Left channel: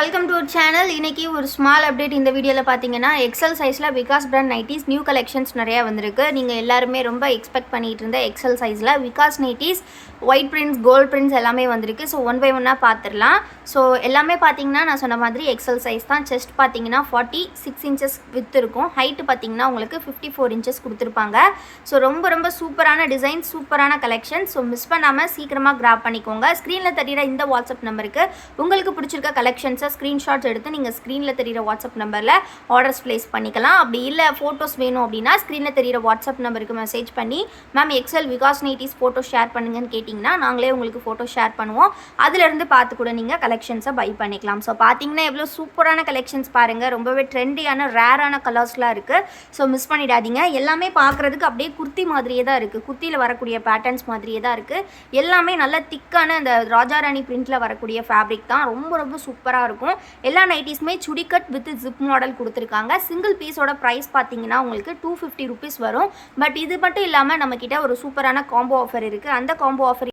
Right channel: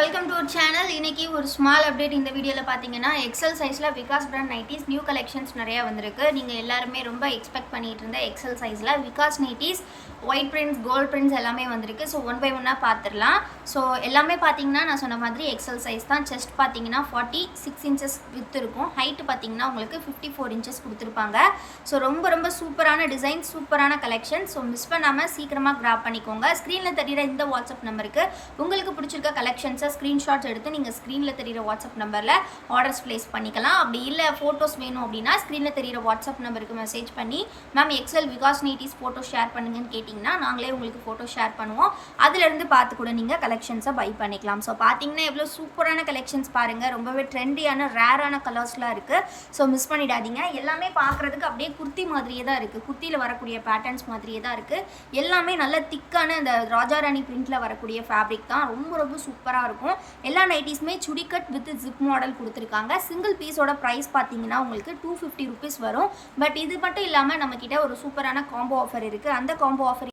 Welcome to our channel. இன்னைக்கு ஒரு small update இந்த வீடியோவில் பார்த்தீங்கன்னா எக்ஸல் சைஸில் Vikas brand nighties new collections நிறையா வந்திருக்கு. நீங்கள் எல்லாருமே ரொம்ப எக்ஸ்பெக்ட் பண்ணிட்டு இருந்த எக்ஸல் சைஸில் Vikas nighties white prints gold prints எல்லாமே வந்திருக்கு. ஸோ ஒன் பை ஒன்னாக பார்த்துடலாம். ஸோ எல்லாமே பார்த்தீங்கன்னா நான் சொன்ன மாதிரி எக்ஸல் சைஸ் தான். செஸ்ட் பார்த்தீங்கன்னா 46 இன்ச்சஸ் வித் இருக்கும். ஹைட்டு பார்த்தீங்கன்னா உங்களுக்கு 54 இன்ச்சஸ் கொடுத்துருப்பாங்க. ஸோ ரொம்ப சூப்பரான டிசைன், சூப்பரான கலெக்ஷன். ஸோ மிஸ் பண்ணாமல் சீக்கிரமாக கிராப் பண்ணிக்கோங்க. ஸ்க்ரீனில் தெரியிற இந்த வாட்ஸ்அப் நம்பருக்கு உங்களுக்கு பிடிச்சிருக்க கலெக்ஷன்ஸை ஸ்க்ரீன்ஷாட்ஸ் எடுத்து நீங்கள் ஸ்க்ரீனில் தெரியிற வாட்ஸ்அப் நம்பரில் ஆர்டர்ஸ் ப்ளேஸ் பண்ணிக்கலாம். அப்படி இல்லை ஃபோட்டோஸ் வேணும் அப்படின்னா ஸ்க்ரீனில் தெரியிற வாட்ஸ்அப் நம்பருக்கு மெசேஜ் பண்ணி ma'am XL Vikas nighties photo share பண்ணுங்கன்னு கேட்டிங்கன்னா நாங்களே உங்களுக்கு ஃபோட்டோ ஷேர் பண்ணுவோம். அதிலிருந்து பார்த்து கூட நீங்கள் கலெக்ஷன்ஸை பை பண்ணிக்கலாம். ஸோ பார்த்தீங்கன்னா எவ்வளோ சூப்பரான கலெக்ஷன்ஸ் பாருங்கள். ரொம்பவே ட்ரெண்டியான ரேரான கலர்ஸ்லாம் இருக்குது. ஸோ மிஸ் பண்ணிடாதீங்க. எல்லாமே பார்க்குறதுக்கு அப்படியே குர்த்தி மாதிரியே தான் இருக்குது. குர்த்தியில் வரக்கூடிய பேட்டர்ன்ஸ் மாதிரியே தான் இருக்குது. எல்லாமே நல்ல திக்கான இந்த ராஜாராணி பிரிண்டில் வரக்கூடிய ஃபேப்ரிக் தான். ரொம்ப சூப்பராக இருக்கும். எல்லா நைட்டிஸுமே சுடிகட் வித் ஜிப் மாடல் கொடுத்துருக்காங்க. சிங்கிள் பீஸோட ப்ரைஸ் பார்த்தீங்கன்னா உங்களுக்கு 250 ருபீஸ் வரும். பட் இது மட்டும் இல்லாமல் நம்மக்கிட்ட ஒரு சூப்பரான காம்போ ஆஃபர் இருக்குது. அந்த காம்போ ஆஃபர்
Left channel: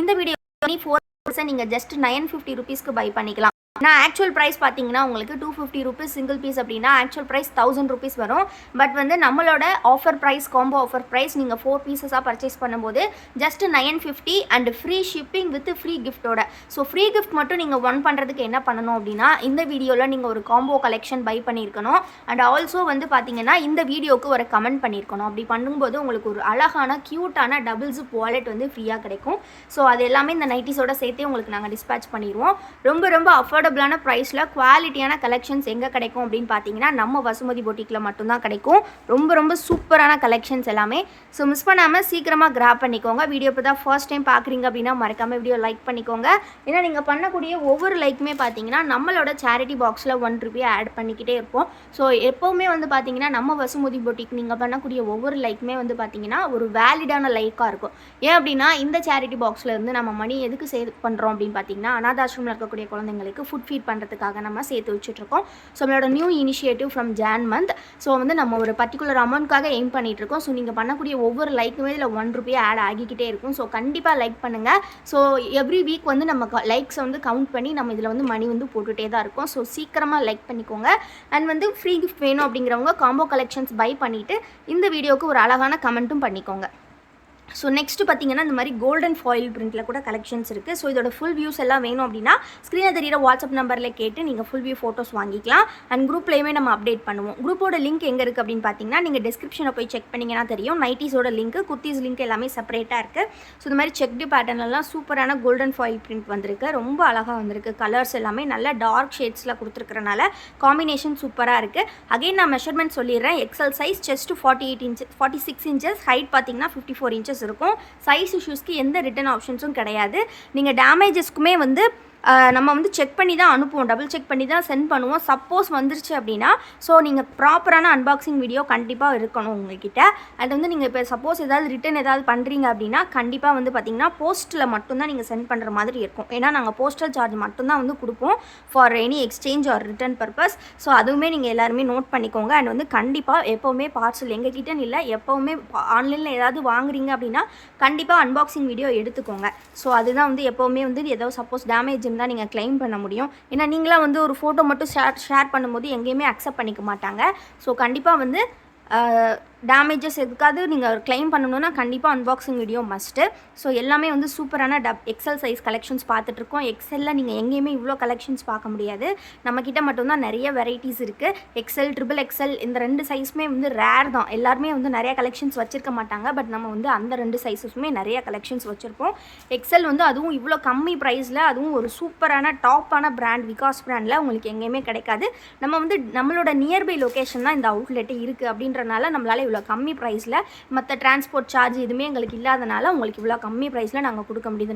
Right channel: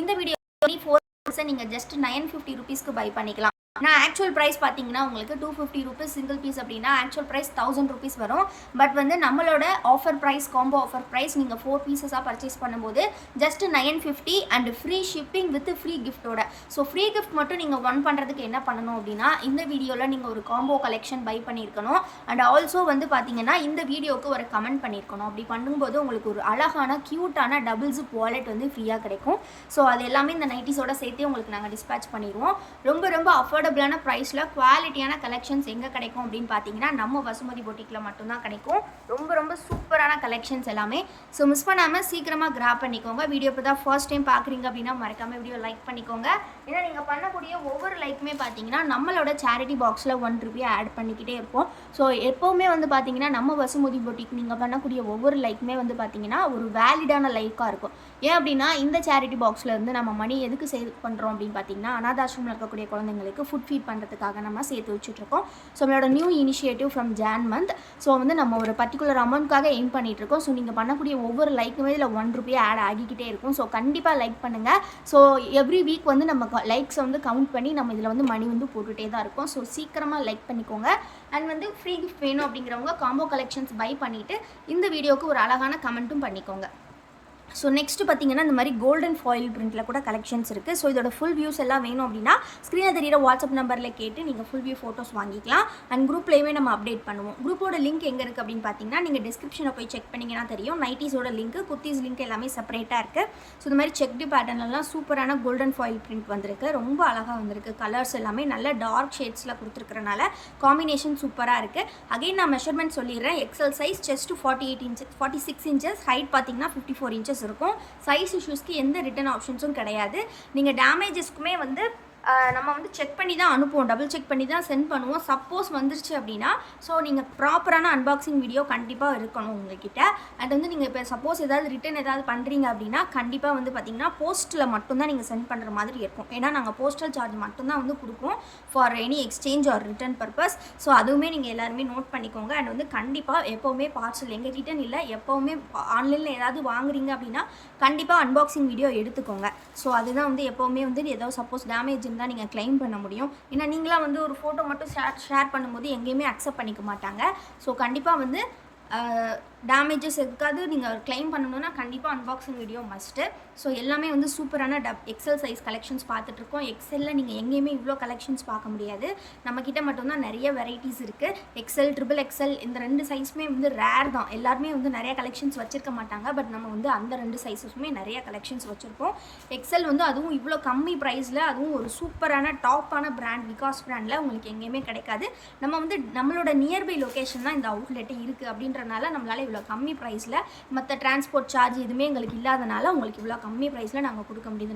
இந்த வீடியோ 4% நீங்கள் ஜஸ்ட் 950 ருபீஸ்க்கு பை பண்ணிக்கலாம். நான் ஆக்சுவல் ப்ரைஸ் பார்த்தீங்கன்னா உங்களுக்கு 250 ருபீஸ் சிங்கிள் பீஸ் அப்படின்னா ஆக்சுவல் ப்ரைஸ் 1000 ருபீஸ் வரும். பட் வந்து நம்மளோட offer price combo offer price நீங்கள் 4 பீசஸாக பர்ச்சேஸ் பண்ணும்போது just 950 and free shipping with free கிஃப்ட்டோட. ஸோ ஃப்ரீ கிஃப்ட் மட்டும் நீங்கள் ஒன் பண்ணுறதுக்கு என்ன பண்ணணும் அப்படின்னா இந்த வீடியோவில் நீங்கள் ஒரு காம்போ கலெக்ஷன் பை பண்ணியிருக்கணும். அண்ட் ஆல்சோ வந்து பார்த்தீங்கன்னா இந்த வீடியோவுக்கு ஒரு கமெண்ட் பண்ணியிருக்கணும். அப்படி பண்ணும்போது உங்களுக்கு ஒரு அழகான க்யூட்டான டபுள் ஜிப் வாலெட் வந்து ஃப்ரீயாக கிடைக்கும். ஸோ அது எல்லாமே இந்த நைட்டிஸோட சேர்த்தே உங்களுக்கு நாங்கள் டிஸ்பேச் பண்ணிடுவோம். ரொம்ப அஃபோர்டபுளான ப்ரைஸில் குவாலிட்டியான கலெக்ஷன்ஸ் எங்கே கிடைக்கும் அப்படின்னு பார்த்தீங்கன்னா நம்ம வசுமதி பொட்டிக்கில் மட்டும்தான் கிடைக்கும். ரொம்ப சூப்பரான கலெக்ஷன்ஸ் எல்லாமே. ஸோ மிஸ் பண்ணாமல் சீக்கிரமாக கிராப் பண்ணிக்கோங்க. வீடியோ இப்போ தான் ஃபர்ஸ்ட் டைம் பார்க்குறீங்க அப்படின்னா மறக்காமல் வீடியோ லைக் பண்ணிக்கோங்க. ஏன்னா நீங்கள் பண்ணக்கூடிய ஒவ்வொரு லைக்குமே பார்த்தீங்கன்னா நம்மளோட சேரிட்டி பாக்ஸில் 1 ரூபா ஆட் பண்ணிக்கிட்டே இருப்போம். ஸோ எப்போவுமே வந்து பார்த்தீங்கன்னா நம்ம வசுமதி பொட்டிக் நீங்கள் பண்ணக்கூடிய ஒவ்வொரு லைக்குமே வந்து பார்த்தீங்கன்னா ஒரு வேலிடான லைக்காக இருக்கும். ஏன் அப்படின்னா இந்த சேரிட்டி பாக்ஸில் இருந்து நம்ம மணி எதுக்கு சேவ் பண்ணுறோம் அப்படின்னு பார்த்தீங்கன்னா அனாதாசிரமில் இருக்கக்கூடிய குழந்தைங்களுக்கு ஃபுட் ஃபீட் பண்ணுறதுக்காக நம்ம சேர்த்து வச்சுட்ருக்கோம். ஸோ நம்மளோட new initiative from John month. So வந்து நம்ம ஒரு பர்டிகுலர் அமௌண்ட்காக எய்ம் பண்ணிகிட்ருக்கோம். ஸோ நீங்கள் பண்ணக்கூடிய ஒவ்வொரு லைக்குமே இதில் 1 ரூபா ஆட் ஆகிக்கிட்டே இருக்கும். ஸோ கண்டிப்பாக லைக் பண்ணுங்கள். ஸோ எவ்ரி வீக் வந்து நம்ம லைக்ஸை வந்து கவுண்ட் பண்ணி நம்ம இதில் வந்து மணி வந்து போட்டுகிட்டே தான் இருக்கும். ஸோ சீக்கிரமாக லைக் பண்ணிக்கோங்க. அண்ட் வந்து ஃப்ரீ கிஃப்ட் வேணும் அப்படிங்கிறவங்க காம்போ கலெக்ஷன்ஸ் பை பண்ணிவிட்டு இந்த வீடியோவுக்கு ஒரு அழகான கமெண்ட்டும் பண்ணிக்கோங்க. ஸோ நெக்ஸ்ட்டு பார்த்தீங்கன்னா இந்த மாதிரி கோல்டன் ஃபாயில் பிரிண்டில் கூட கலெக்ஷன்ஸ் இருக்குது. ஸோ இதோட ஃபுல் வியூஸ் எல்லாம் வேணும் அப்படின்னா ஸ்க்ரீனில் தெரியிற வாட்ஸ்அப் நம்பரில் கேட்டு நீங்கள் ஃபுல் வியூ ஃபோட்டோஸ் வாங்கிக்கலாம். அண்ட் குரூப்லேயுமே நம்ம அப்டேட் பண்ணுவோம். குரூப்போட லிங்க் எங்கே இருக்குது அப்படின்னு பார்த்தீங்கன்னா நீங்கள் டிஸ்கிரிப்ஷனை போய் செக் பண்ணிங்கன்னா தெரியும். நைட்டிஸோட லிங்க்கு குர்த்திஸ் லிங்க் எல்லாமே செப்பரேட்டாக இருக்குது. ஸோ இந்த மாதிரி செக்டு பேட்டர்ன்லாம் சூப்பரான கோல்டன் ஃபாயில் பிரிண்ட் வந்திருக்கு. ரொம்ப அழகாக வந்திருக்கு. கலர்ஸ் எல்லாமே நல்ல டார்க் ஷேட்ஸில் கொடுத்துருக்கறனால காம்பினேஷன் சூப்பராக இருக்குது. அகைன் நான் மெஷர்மெண்ட் சொல்லிடுறேன். XL size chest 48 inches 46 inches, height பார்த்தீங்கன்னா 54 இன்ச்சஸ் இருக்கும். சைஸ் இஷ்யூஸ்க்கு எந்த ரிட்டன் ஆப்ஷன்ஸும் கிடையாது. நீங்கள் டேமேஜஸ்க்குமே வந்து நம்ம வந்து செக் பண்ணி தான் அனுப்புவோம். டபுள் செக் பண்ணி தான் சென்ட் பண்ணுவோம். சப்போஸ் வந்துருச்சு அப்படின்னா ஸோ நீங்கள் ப்ராப்பரான அன்பாக்சிங் வீடியோ கண்டிப்பாக இருக்கணும் உங்கள்கிட்ட. அது வந்து நீங்கள் இப்போ சப்போஸ் ஏதாவது ரிட்டன் ஏதாவது பண்ணுறீங்க அப்படின்னா கண்டிப்பாக வந்து பார்த்திங்கன்னா போஸ்ட்டில் மட்டும்தான் நீங்கள் சென்ட் பண்ணுற மாதிரி இருக்கும். ஏன்னா நாங்கள் போஸ்டல் சார்ஜ் மட்டும்தான் வந்து கொடுப்போம் for any exchange or return purpose. So அதுவுமே நீங்கள் எல்லாருமே நோட் பண்ணிக்கோங்க. அண்ட் வந்து கண்டிப்பாக எப்போவுமே பார்சல் எங்ககிட்டன்னு இல்லை, எப்போவுமே ஆன்லைனில் ஏதாவது வாங்குறீங்க அப்படின்னா கண்டிப்பாக அன்பாக்சிங் வீடியோ எடுத்துக்கோங்க. ஸோ அதுதான் வந்து எப்போவுமே வந்து ஏதோ சப்போஸ் டேமேஜ் இருந்தால் நீங்கள் கிளைம் பண்ண முடியும். ஏன்னா நீங்களாம் வந்து ஒரு ஃபோட்டோ மட்டும் ஷேர் பண்ணும்போது எங்கேயுமே அக்செப்ட் பண்ணிக்க மாட்டாங்க. ஸோ கண்டிப்பாக வந்து டேமேஜஸ் எதுக்காவது நீங்கள் கிளைம் பண்ணணுன்னா கண்டிப்பாக அன்பாக்சிங் வீடியோ மஸ்ட்டு. ஸோ எல்லாமே வந்து சூப்பரான எக்ஸல் சைஸ் கலெக்ஷன்ஸ் பார்த்துட்ருக்கோம். எக்ஸலில் நீங்கள் எங்கேயுமே இவ்வளோ கலெக்ஷன்ஸ் பார்க்க முடியாது. நம்மக்கிட்ட மட்டும்தான் நிறைய வெரைட்டிஸ் இருக்குது. எக்ஸல், ட்ரிபிள் எக்ஸல் இந்த 2 சைஸுமே வந்து ரேர் தான். எல்லாருமே வந்து நிறைய கலெக்ஷன்ஸ் வச்சுருக்க மாட்டாங்க. பட் நம்ம வந்து அந்த 2 சைஸஸுமே நிறைய கலெக்ஷன்ஸ் வச்சுருப்போம். எக்ஸல் வந்து அதுவும் இவ்வளோ கம்மி ப்ரைஸில், அதுவும் ஒரு சூப்பரான டாப்பான பிராண்ட் விகாஸ் பிராண்டில் உங்களுக்கு எங்கேயுமே கிடைக்காது. நம்ம வந்து நம்மளோட நியர்பை லொக்கேஷன் தான் இந்த அவுட்லெட்டு இருக்குது அப்படின்றனால நம்மளால் இவ்வளோ கம்மி ப்ரைஸில் மற்ற டிரான்ஸ்போர்ட் சார்ஜ் எதுவுமே எங்களுக்கு இல்லாதனால உங்களுக்கு இவ்வளோ கம்மி ப்ரைஸில் நாங்கள் கொடுக்க முடியுது.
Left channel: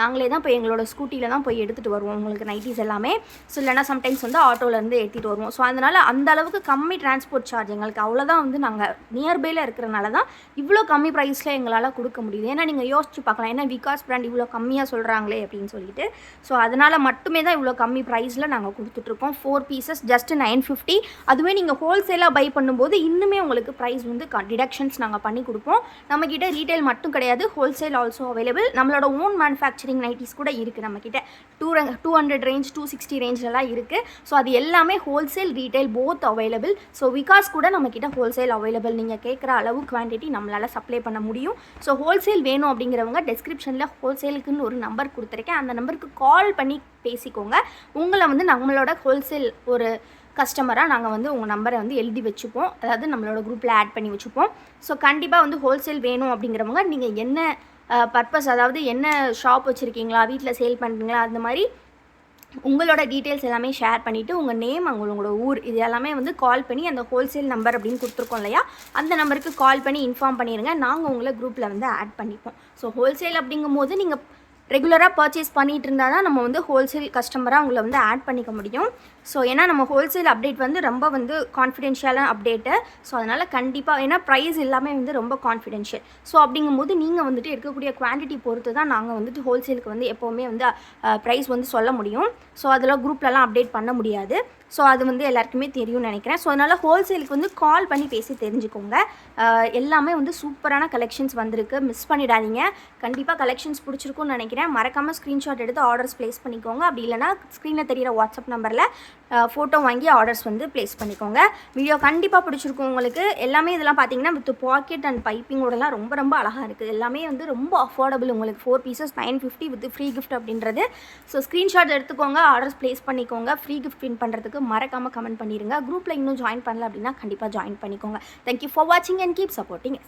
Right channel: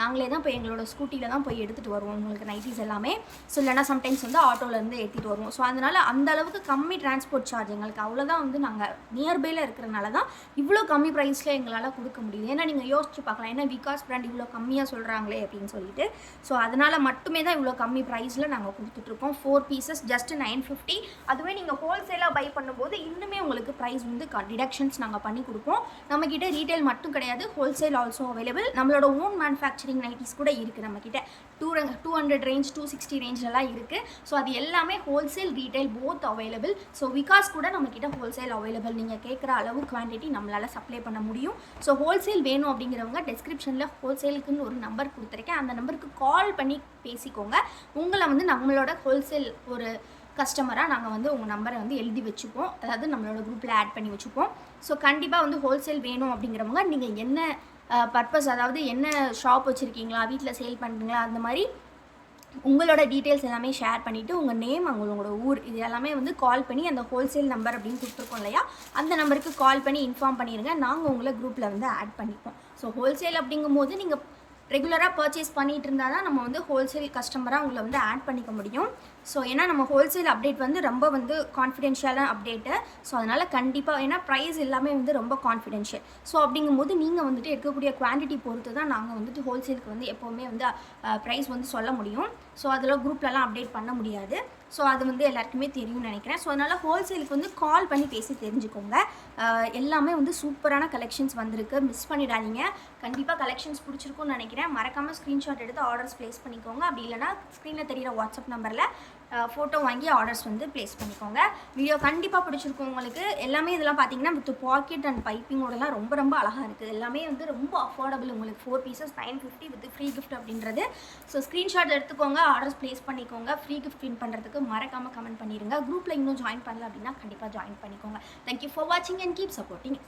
நாங்களே தான் போய் எங்களோட ஸ்கூட்டியில் தான் போய் எடுத்துகிட்டு வருவோம் உங்களுக்கு நைட்டிஸ் எல்லாமே. ஸோ இல்லைனா சம்டைம்ஸ் வந்து ஆட்டோலேருந்து ஏற்றிட்டு வருவோம். ஸோ அதனால் அந்த அளவுக்கு கம்மி டிரான்ஸ்போர்ட் சார்ஜ் எங்களுக்கு அவ்வளோதான் வந்து நாங்கள் நியர்பையில் இருக்கிறனால தான் இவ்வளோ கம்மி ப்ரைஸில் எங்களால் கொடுக்க முடியுது. ஏன்னா நீங்கள் யோசிச்சு பார்க்கலாம், ஏன்னா விகாஸ் பிராண்ட் இவ்வளோ கம்மியாக சொல்கிறாங்களே அப்படின்னு சொல்லிட்டு. ஸோ அதனால் மட்டுமே தான் இவ்வளோ கம்மி ப்ரைஸில் நாங்கள் கொடுத்துட்ருக்கோம். 4 பீசஸ் ஜஸ்ட் 950. அதுவே நீங்கள் ஹோல்சேலாக பை பண்ணும்போது இன்னுமே உங்களுக்கு உங்களுக்கு ப்ரைஸ் வந்து டிடக்ஷன்ஸ் நாங்கள் பண்ணி கொடுப்போம். நம்மக்கிட்ட ரீட்டைல் மட்டும் கிடையாது, ஹோல்சேல் ஆல்சோ அவைலபிள். நம்மளோட ஓன் மேனுஃபேக்சரிங் நைட்டிஸ் கூட இருக்குது நம்மக்கிட்ட. 200 ரேஞ்ச் 260 ரேஞ்சிலலாம் இருக்குது. ஸோ அது எல்லாமே wholesale retail both available. So Vikas கூட நம்மக்கிட்ட ஹோல்சேல் அவைலபிள். நீங்கள் கேட்குற அளவு குவான்டிட்டி நம்மளால் சப்ளை பண்ண முடியும். ஸோ ஹோல்சேல் வேணும் அப்படிங்கிறவங்க டிஸ்கிரிப்ஷனில் ஹோல்சேலுக்குன்னு ஒரு நம்பர் கொடுத்துருக்கேன். அந்த நம்பருக்கு கால் பண்ணி பேசிக்கோங்க. உங்களை வந்து நம்மளோட ஹோல்சேல் ஒரு கஸ்டமராக நாங்கள் வந்து உங்கள் நம்பரை வந்து எழுதி வச்சுப்போம். அதாவது நம்மளோட குரூப்பில் ஆட் பண்ணி வச்சுப்போம். ஸோ கண்டிப்பாக வந்து ஹோல்சேல் வேணும் அப்படிங்கிறவங்க நீங்கள் என்ன பர்பஸ், அதாவது என்ன ஷாப் வச்சுருக்கீங்களா, வீட்டில் சேல் பண்ணுறீங்களா, அந்த மாதிரி உங்களோட டீட்டெயில்ஸ் எல்லாமே ஷேர் பண்ணிவிட்டு உங்கள் நேம், உங்களோட ஊர், இது எல்லாமே வந்து கால் பண்ணி அந்த ஹோல்சேல் நம்பர் அப்படின்னு கொடுத்துருக்கோம் இல்லையா, அந்த நம்பருக்கு கால் பண்ணி இன்ஃபார்ம் பண்ணிடுங்க. நாங்கள் உங்களை குரூப்பில் வந்து ஆட் பண்ணிப்போம். ஸோ ஹோல்சேல் அப்படிங்கும்போது நீங்கள் ரெகுலராக பர்ச்சேஸ் பண்ணிகிட்டு இருந்தால் தான் நம்ம வந்து ஹோல்சேல் கஸ்டமராக உங்களை வந்து ஆட் பண்ணிக்க முடியும். ஸோ ஏன்னா நம்ம ஹோல்சேல் அப்டேட் வந்து ரொம்ப வந்து கான்ஃபிடென்ஷியலான அப்டேட்டு. ஸோ அதனால் கண்டிப்பாக ஏன்னா ப்ரைஸ் எல்லாமே வந்து ரொம்ப கான்ஃபிடென்ஷியல். ஸோ அப்படிங்கும்போது நீங்கள் வந்துட்டு இருக்கக்கூடிய குவான்டிட்டி பொறுத்து தான் நாங்கள் வந்துட்டு ஹோல்சேலுக்கு வந்து எப்போவுமே வந்து ப்ரைஸ் வந்து சொல்ல முடியும். ஸோ அதில் குரூப்லலாம் அப்டேட் பண்ண முடியாது. ஸோ அது வந்து எல்லாருக்குமே தெரியும்னு நினைக்கிறேன். ஸோ அதனால் ஹோல்சேலுக்கு வந்து கால் பண்ணி பேசி தெரிஞ்சுக்கோங்க. எல்லாமே வந்து சூப்பரான கலெக்ஷன்ஸ் வந்திருக்கு, மிஸ் பண்ணிடாதீங்க. கண்டிப்பாக கலெக்ஷன்ஸ் பிடிச்சிருக்குன்னு நினைக்கிறேன். மறக்காமல் ஸ்க்ரீன்ஷாட் எடுத்து ஆர்டர்ஸ் ப்ளேஸ் பண்ணிக்கோங்க. அப்படி இல்லைனா ஸ்க்ரீனில் தெரிகிற வாட்ஸ்அப் நம்பரில் ஃபோட்டோ வாங்கி ஆர்டர்ஸ் வந்து ப்ளேஸ் பண்ணிக்கோங்க. வீடியோ கண்டிப்பாக பிடிச்சிருக்கும் உங்களுக்கு. எல்லாமே இதெல்லாம் பார்த்தீங்கன்னா வித் பாக்கெட் அண்ட் பைப்பிங்கோடலாம் ரொம்ப ரொம்ப அழகாக இருக்குது. எல்லாமே வந்து ரொம்ப அஃபோர்டபுள். உங்களுக்கு 4 பீசஸ் 950 வித் ஃப்ரீ கிஃப்ட் அப்படின்றது. ஸோ ஸ்க்ரீன்ஷாட் எடுத்துக்கோங்க, ஆர்டர்ஸ் ப்ளேஸ் பண்ணிக்கோங்க. ஃப்ரீ கிஃப்ட் வின் பண்ணுறதுக்கு மறக்காமல் கமெண்ட் பண்ணிடுங்க. குரூப்பில் இன்னும் ஜாயின் பண்ணல அப்படின்னா கண்டிப்பாக ஜாயின் பண்ணிக்கோங்க. தேங்க்யூ ஃபார் வாட்சிங் அண்ட் கீப் சப்போர்ட்டிங்.